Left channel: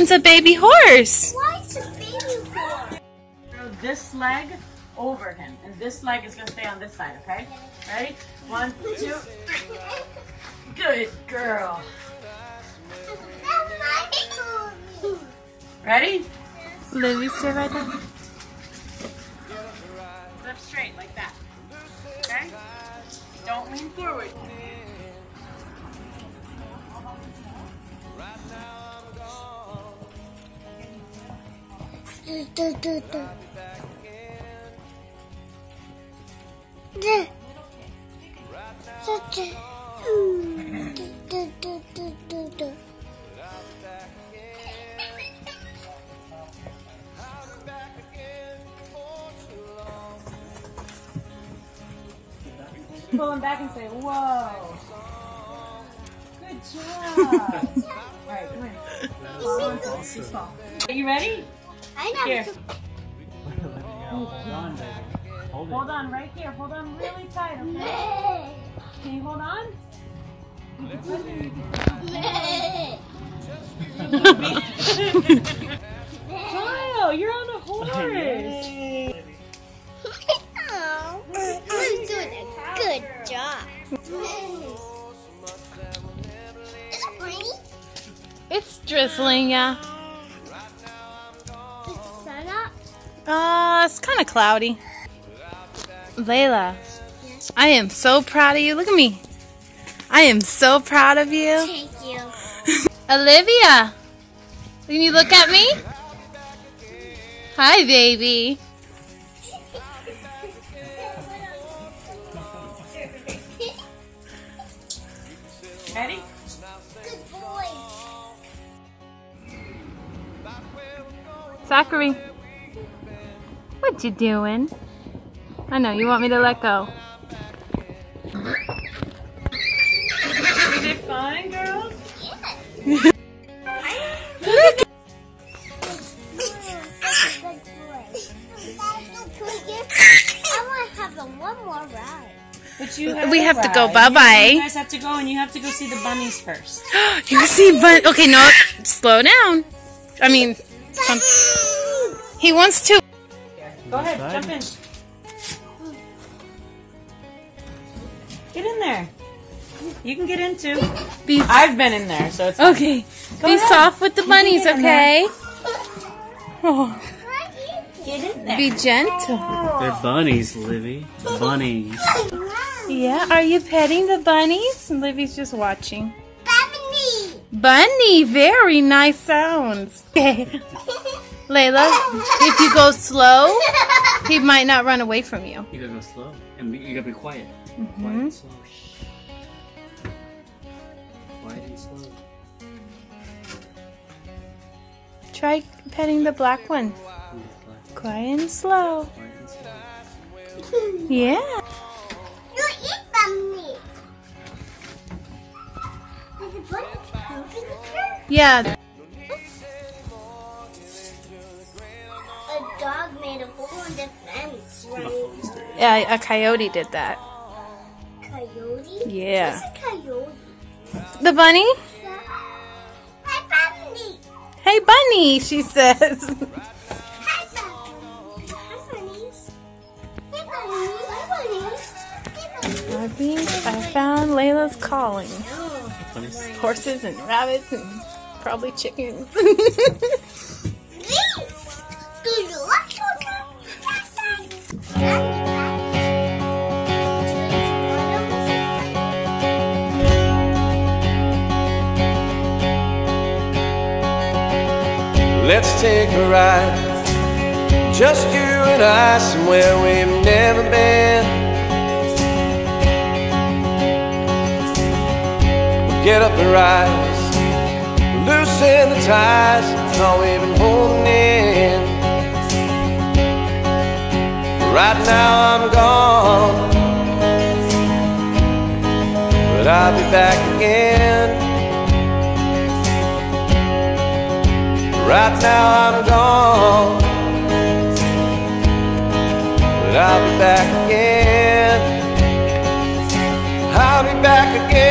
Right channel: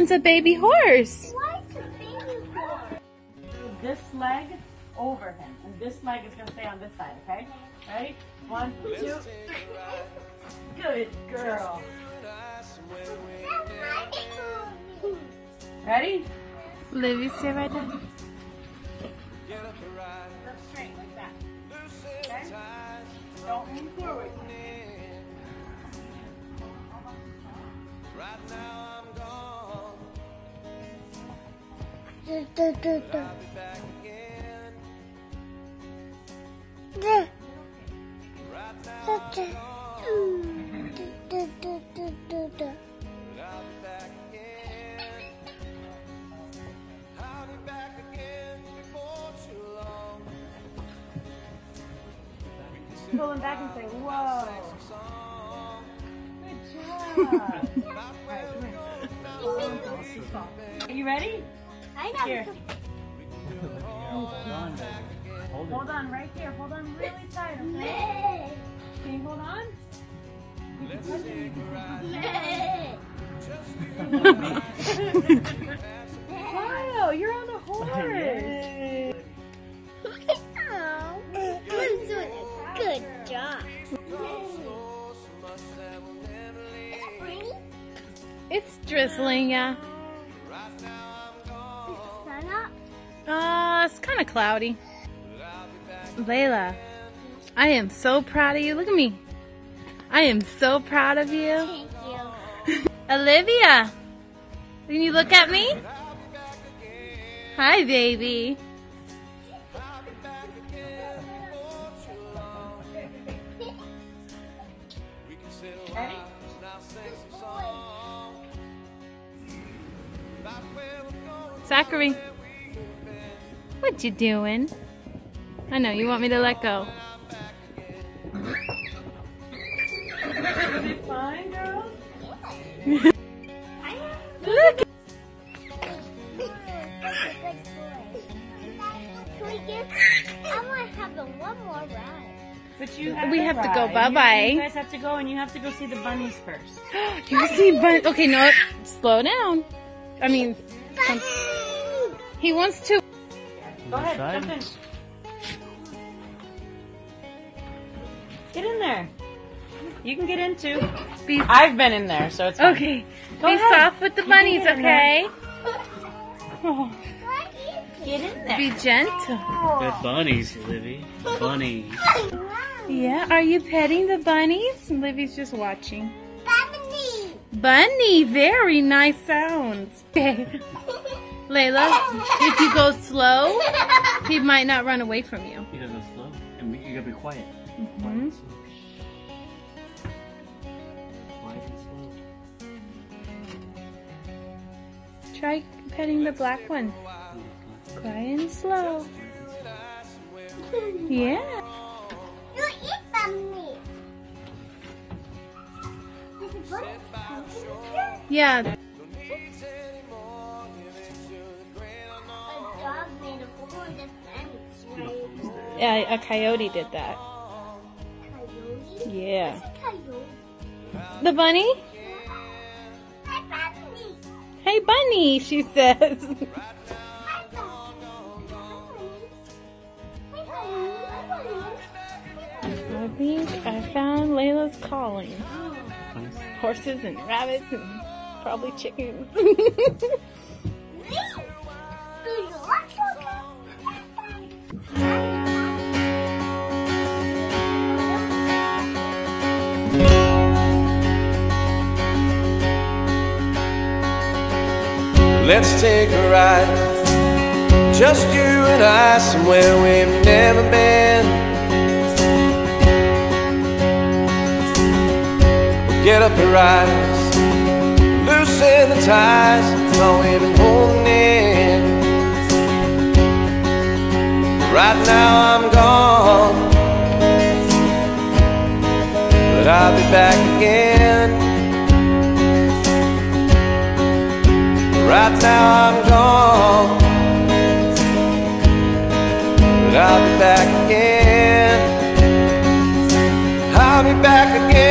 one's a baby horse. Why is a baby horse? Throw this leg over him, and this leg is going to stay on this side, okay? Ready? 1, 2, 3. Good girl. Ready? Lily, sit right there. Lift straight like that. Okay? Don't move forward. Right now I'm gone, but I'll be back again. Right now I'm gone, but I'll be back again. I'll be back again before too long. We can sit Pull him back and say, around whoa. and sing some song. Good job. About where we're going now. Are you ready? I know. Here. We can do it all and I'm back again. Hold on right here. Hold on really tight. Can you hold on? Let's take a ride. Just you and I. Have some Wow, you're on a horse. I'm doing a good job. so much that we'll never leave. It's drizzling, yeah. Right now I'm gone, Set up. It's kind of cloudy. but I'll be back Layla, I am so proud of you. Look at me. I am so proud of you. Thank you. Olivia, can you look at me? I'll be back again. Hi, baby. I'll be back again before too long. We can sit a while and I'll sing some song. About where we're going, Zachary, where we've been. what you doing? I know, you want me to let go. I'm back again. Was it fun, girls? I want to have one more ride. But you We have to go. ride. Bye-bye. You guys have to go, and you have to go see the bunnies first. You see, but okay, no, slow down. I mean, he wants to. Go ahead, jump in. Get in there. You can get in too. Be I've been in there, so it's okay. Go Be ahead. soft with the bunnies, get in okay? Oh, get in there. be gentle. They're bunnies, Livy. Bunnies. Yeah, are you petting the bunnies? Livy's just watching. Bunny. Bunny, very nice sounds. Layla, if you go slow, he might not run away from you. You gotta go slow, and you gotta be quiet. Quiet and slow. Shh. Quiet and slow. Try petting the black one. Quiet and slow. Yeah. You eat bunny. Yeah. No needs anymore, give into the great unknown. A dog made a hole in the fence, right? Yeah, a coyote did that. Coyote? Yeah. What's a coyote? The bunny? Hi, bunny. Hey, bunny, she says. Right now Hi, bunnies. Hey, bunnies. I found Layla's calling. Horses and rabbits and probably chickens. Do you like Let's take a ride, just you and I, somewhere we've never been. We'll get up and rise, loosen the ties, all we've been holding in. Right now I'm gone, but I'll be back again. Right now I'm gone, but I'll be back again. I'll be back again.